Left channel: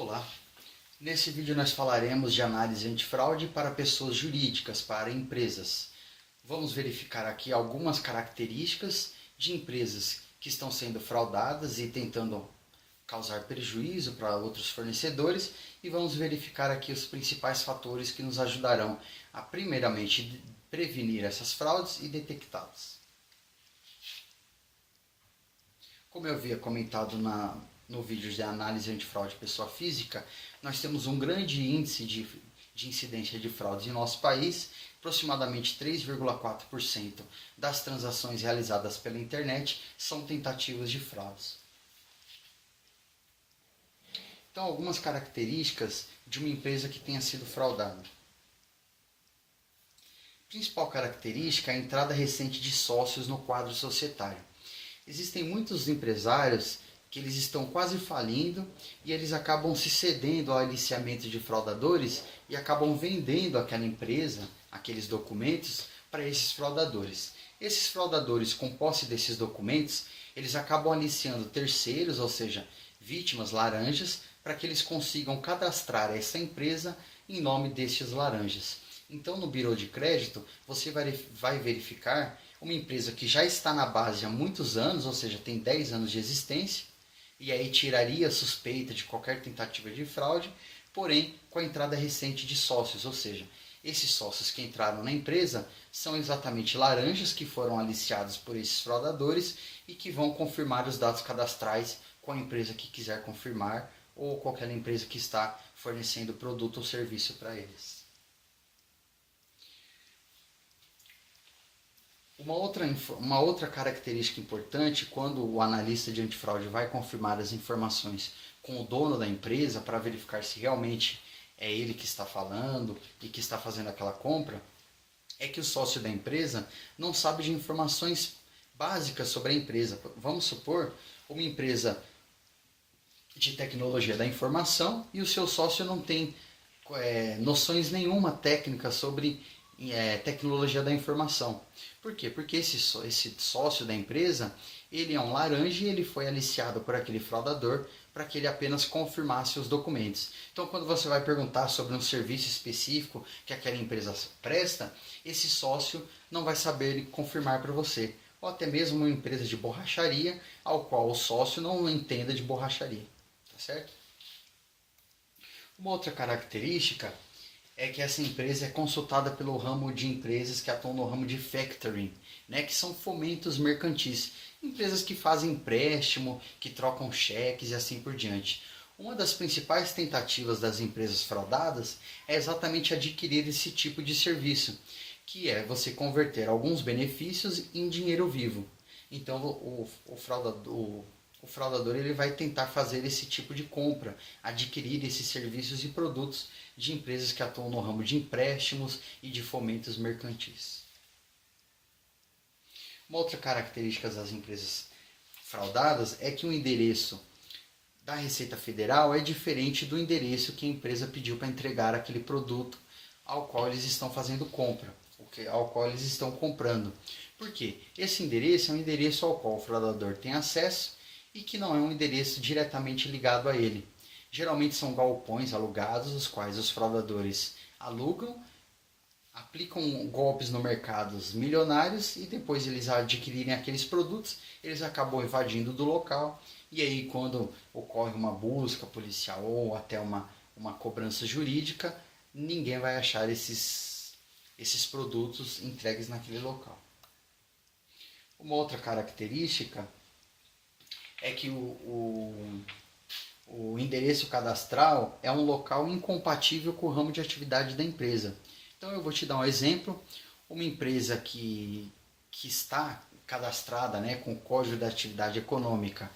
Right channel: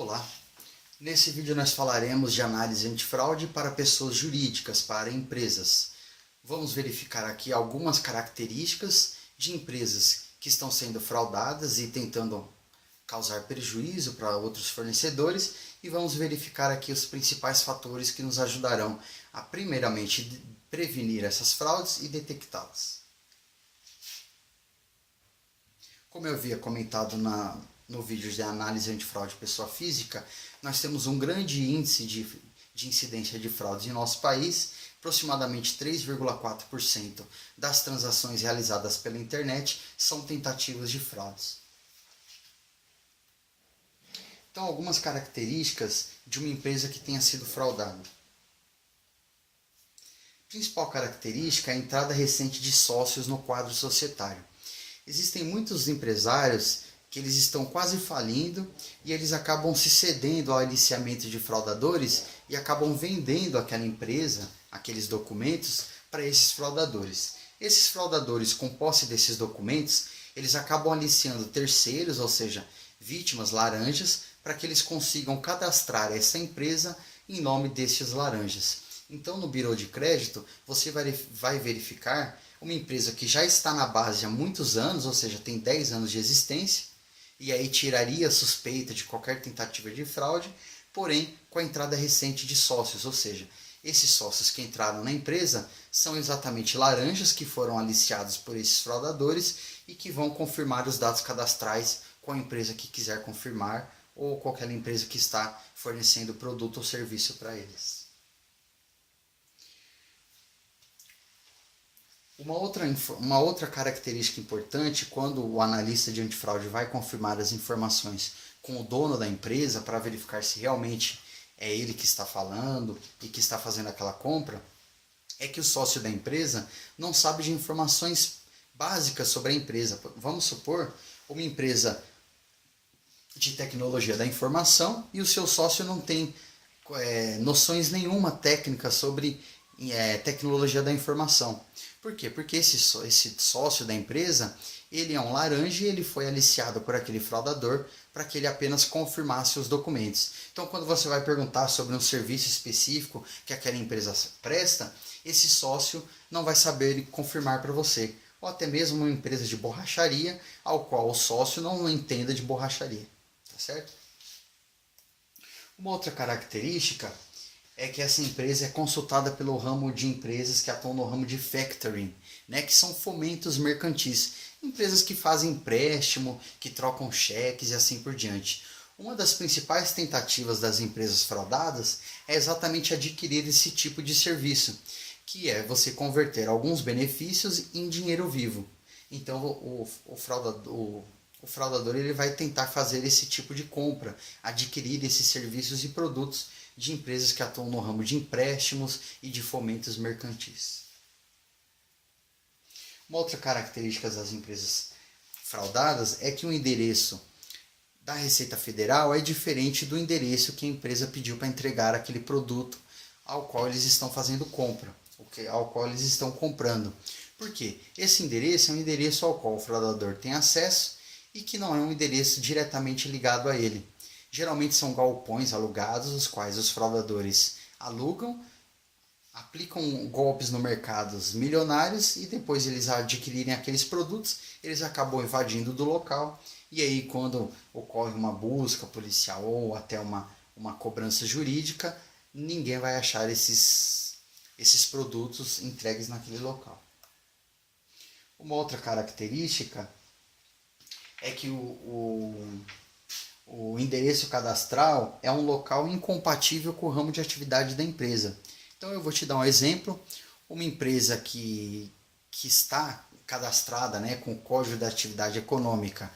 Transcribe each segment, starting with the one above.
Olá, nesse vídeo nós falaremos de análise antifraude para pessoas jurídicas, para empresas. Vamos verificar aqui algumas características de empresas que estão sendo fraudadas e tentando causar prejuízo para outros fornecedores e vamos verificar aqui os principais fatores que nos ajudarão a primeiramente prevenir essas fraudes e detectá-las. Como eu havia comentado no vídeo de análise antifraude pessoa física, nós temos um grande índice de incidência de fraudes em nosso país. Aproximadamente 3,4% das transações realizadas pela internet são tentativas de fraudes. Então, algumas características de uma empresa que tenha sido fraudada. A principal característica é a entrada recente de sócios no quadro societário. Existem muitos empresários que eles estão quase falindo e eles acabam se cedendo ao aliciamento de fraudadores e acabam vendendo aquela empresa, aqueles documentos, para esses fraudadores. Esses fraudadores, com posse desses documentos, eles acabam aliciando terceiros, ou seja, vítimas laranjas, para que eles consigam cadastrar essa empresa em nome desses laranjas. Então, no Bureau de Crédito, você vai verificar uma empresa que já está na base há muitos anos, ou seja, tem 10 anos de existência, e aí tiraria a suspeita de qualquer tentativa de fraude, porém com a entrada recente de sócios, ou seja, esses sócios que entraram na empresa são exatamente laranjas que foram aliciados por esses fraudadores e que vão confirmar os dados cadastrais com a empresa que quiser confirmar ou qualquer empresa que está fornecendo produto ou serviço para eles. Uma outra característica importante, quando o analista de antifraude vai confirmar as informações com o dono da empresa para verificar se realmente é ele que está falando e que está fazendo aquela compra, é que o sócio da empresa não sabe de informações básicas sobre a empresa. Vamos supor uma empresa de tecnologia da informação e o seu sócio não tem noções nenhuma técnica sobre tecnologia da informação. Por quê? Porque esse sócio da empresa, ele é um laranja e ele foi aliciado por aquele fraudador para que ele apenas confirmasse os documentos. Então, quando você vai perguntar sobre um serviço específico que aquela empresa presta, esse sócio não vai saber confirmar para você. Ou até mesmo uma empresa de borracharia, ao qual o sócio não entenda de borracharia. Tá certo? Uma outra característica é que essa empresa é consultada pelo ramo de empresas que atuam no ramo de factoring, né, que são fomentos mercantis, empresas que fazem empréstimo, que trocam cheques e assim por diante. Uma das principais tentativas das empresas fraudadas é exatamente adquirir esse tipo de serviço, que é você converter alguns benefícios em dinheiro vivo. Então o fraudador ele vai tentar fazer esse tipo de compra, adquirir esses serviços e produtos de empresas que atuam no ramo de empréstimos e de fomentos mercantis. Uma outra característica das empresas fraudadas é que o endereço da Receita Federal é diferente do endereço que a empresa pediu para entregar aquele produto ao qual eles estão fazendo compra, ao qual eles estão comprando. Por quê? Esse endereço é um endereço ao qual o fraudador tem acesso e que não é um endereço diretamente ligado a ele. Geralmente são galpões alugados, os quais os fraudadores alugam, aplicam golpes no mercado milionários e depois eles adquirirem aqueles produtos, eles acabam invadindo do local e aí quando ocorre uma busca policial ou até uma cobrança jurídica, ninguém vai achar esses produtos entregues naquele local. Uma outra característica é que o endereço cadastral é um local incompatível com o ramo de atividade da empresa. Então eu vou te dar um exemplo, uma empresa que está cadastrada, né, com o código da atividade econômica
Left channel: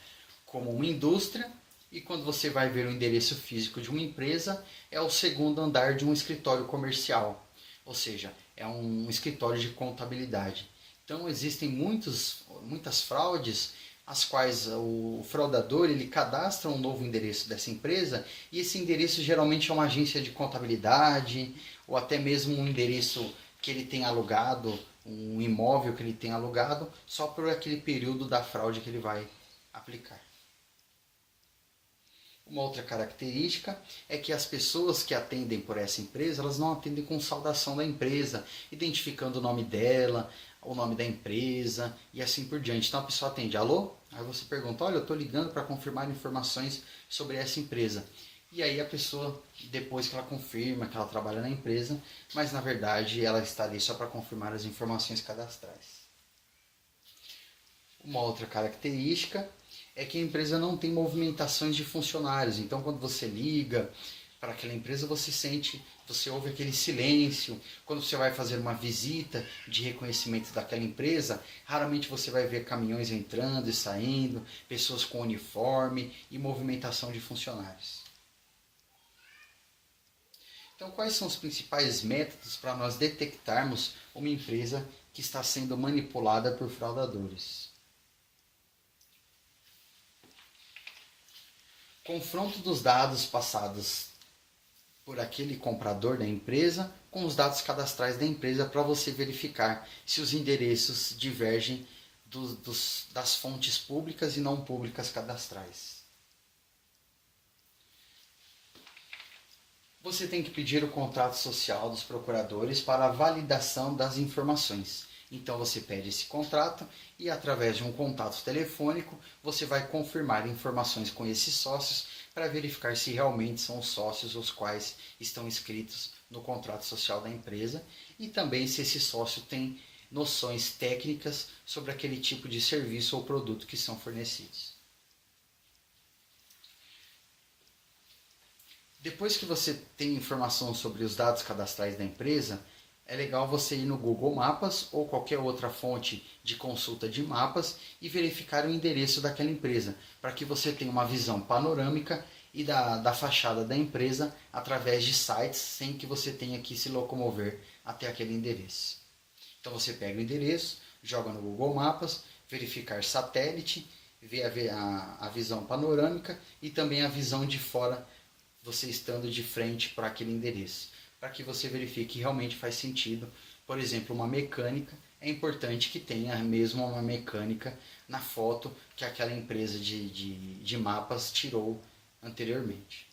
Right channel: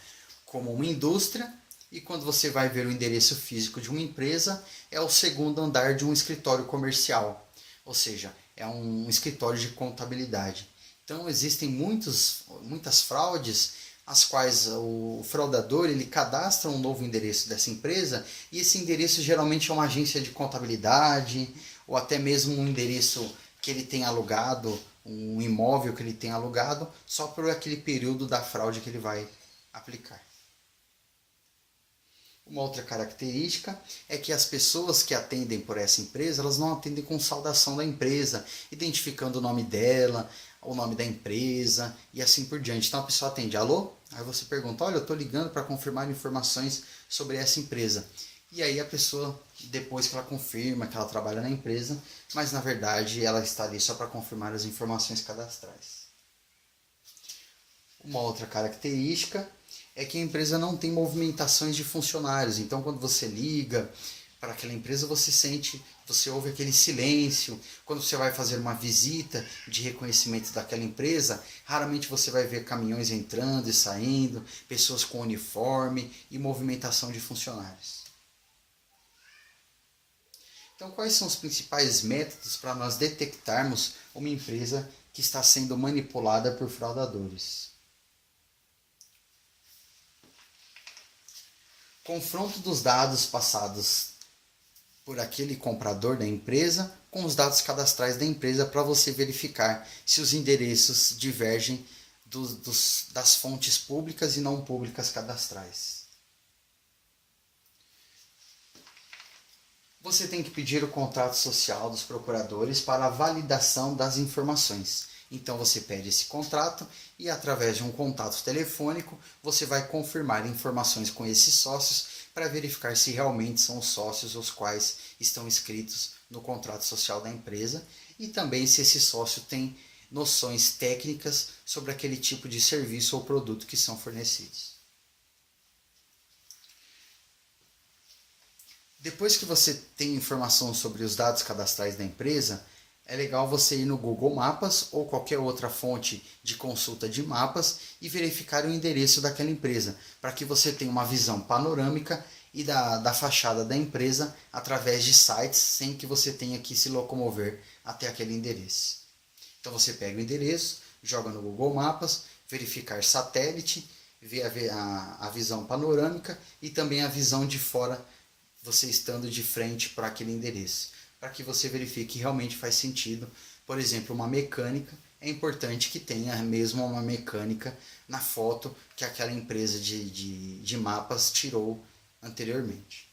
como uma indústria, e quando você vai ver o endereço físico de uma empresa, é o segundo andar de um escritório comercial, ou seja, é um escritório de contabilidade. Então existem muitas fraudes as quais o fraudador ele cadastra um novo endereço dessa empresa e esse endereço geralmente é uma agência de contabilidade ou até mesmo um endereço que ele tem alugado, um imóvel que ele tem alugado só por aquele período da fraude que ele vai aplicar. Uma outra característica é que as pessoas que atendem por essa empresa, elas não atendem com saudação da empresa, identificando o nome dela, o nome da empresa e assim por diante. Então a pessoa atende, alô? Aí você pergunta, olha, eu estou ligando para confirmar informações sobre essa empresa. E aí a pessoa, depois que ela confirma que ela trabalha na empresa, mas na verdade ela está ali só para confirmar as informações cadastrais. Uma outra característica é que a empresa não tem movimentações de funcionários. Então, quando você liga para aquela empresa, você ouve aquele silêncio. Quando você vai fazer uma visita de reconhecimento daquela empresa, raramente você vai ver caminhões entrando e saindo, pessoas com uniforme e movimentação de funcionários. Então, quais são os principais métodos para nós detectarmos uma empresa que está sendo manipulada por fraudadores? Confronto dos dados passados por aquele comprador da empresa com os dados cadastrais da empresa para você verificar se os endereços divergem das fontes públicas e não públicas cadastrais. Você tem que pedir o contrato social dos procuradores para a validação das informações. Então você pede esse contrato e através de um contato telefônico você vai confirmar informações com esses sócios para verificar se realmente são os sócios os quais estão inscritos no contrato social da empresa e também se esse sócio tem noções técnicas sobre aquele tipo de serviço ou produto que são fornecidos. Depois que você tem informação sobre os dados cadastrais da empresa, é legal você ir no Google Maps ou qualquer outra fonte de consulta de mapas e verificar o endereço daquela empresa, para que você tenha uma visão panorâmica e da fachada da empresa através de sites, sem que você tenha que se locomover até aquele endereço. Então você pega o endereço, joga no Google Maps, verificar satélite, ver a visão panorâmica e também a visão de fora, você estando de frente para aquele endereço, para que você verifique que realmente faz sentido. Por exemplo, uma mecânica, é importante que tenha mesmo uma mecânica na foto que aquela empresa de mapas tirou anteriormente.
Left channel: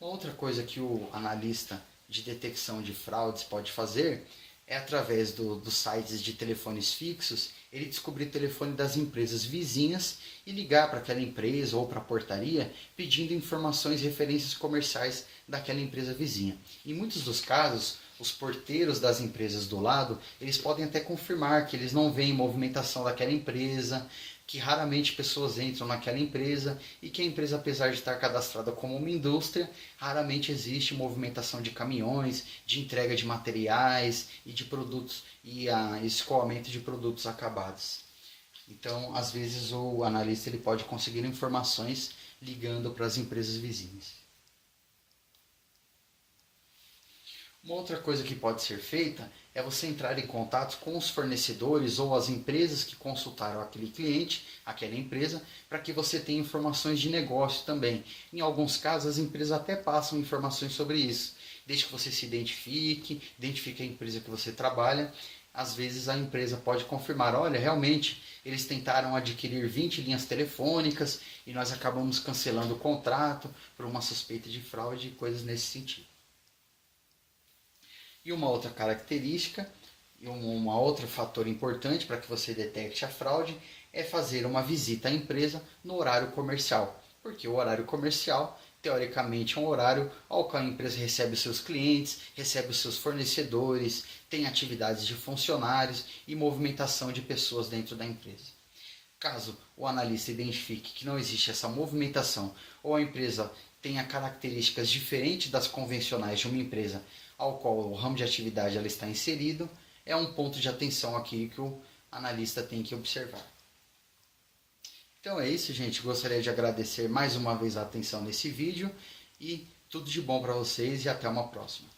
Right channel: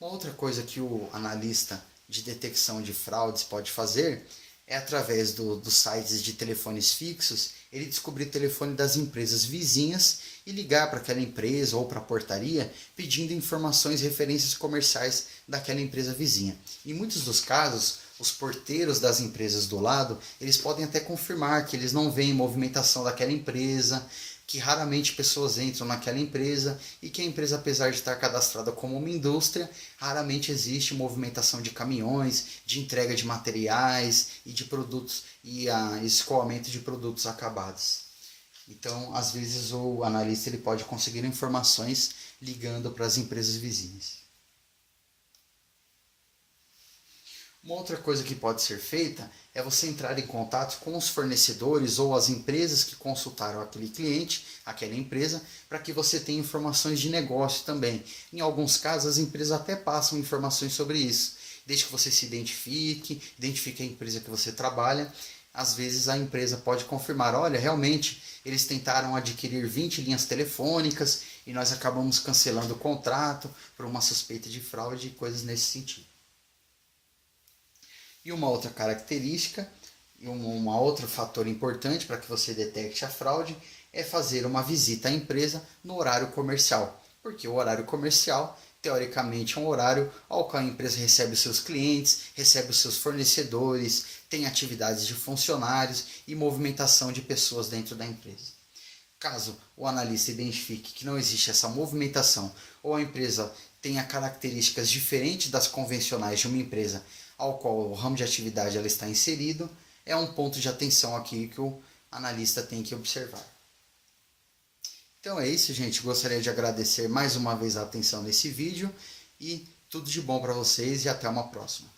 Uma outra coisa que o analista de detecção de fraudes pode fazer é através dos sites de telefones fixos, ele descobrir o telefone das empresas vizinhas e ligar para aquela empresa ou para a portaria pedindo informações e referências comerciais daquela empresa vizinha. Em muitos dos casos, os porteiros das empresas do lado, eles podem até confirmar que eles não veem movimentação daquela empresa, que raramente pessoas entram naquela empresa e que a empresa, apesar de estar cadastrada como uma indústria, raramente existe movimentação de caminhões, de entrega de materiais e de produtos e escoamento de produtos acabados. Então, às vezes o analista ele pode conseguir informações ligando para as empresas vizinhas. Uma outra coisa que pode ser feita é você entrar em contato com os fornecedores ou as empresas que consultaram aquele cliente, aquela empresa, para que você tenha informações de negócio também. Em alguns casos, as empresas até passam informações sobre isso. Desde que você se identifique a empresa que você trabalha, às vezes a empresa pode confirmar, olha, realmente eles tentaram adquirir 20 linhas telefônicas e nós acabamos cancelando o contrato por uma suspeita de fraude e coisas nesse sentido. E uma outra característica, e um outro fator importante para que você detecte a fraude, é fazer uma visita à empresa no horário comercial. Porque o horário comercial, teoricamente, é um horário ao qual a empresa recebe os seus clientes, recebe os seus fornecedores, tem atividades de funcionários e movimentação de pessoas dentro da empresa. Caso o analista identifique que não existe essa movimentação ou a empresa tenha características diferentes das convencionais de uma empresa ao qual o ramo de atividade ela está inserido, é um ponto de atenção aqui que o analista tem que observar. Então é isso, gente. Gostaria de agradecer mais uma vez a atenção nesse vídeo e tudo de bom para vocês e até uma próxima.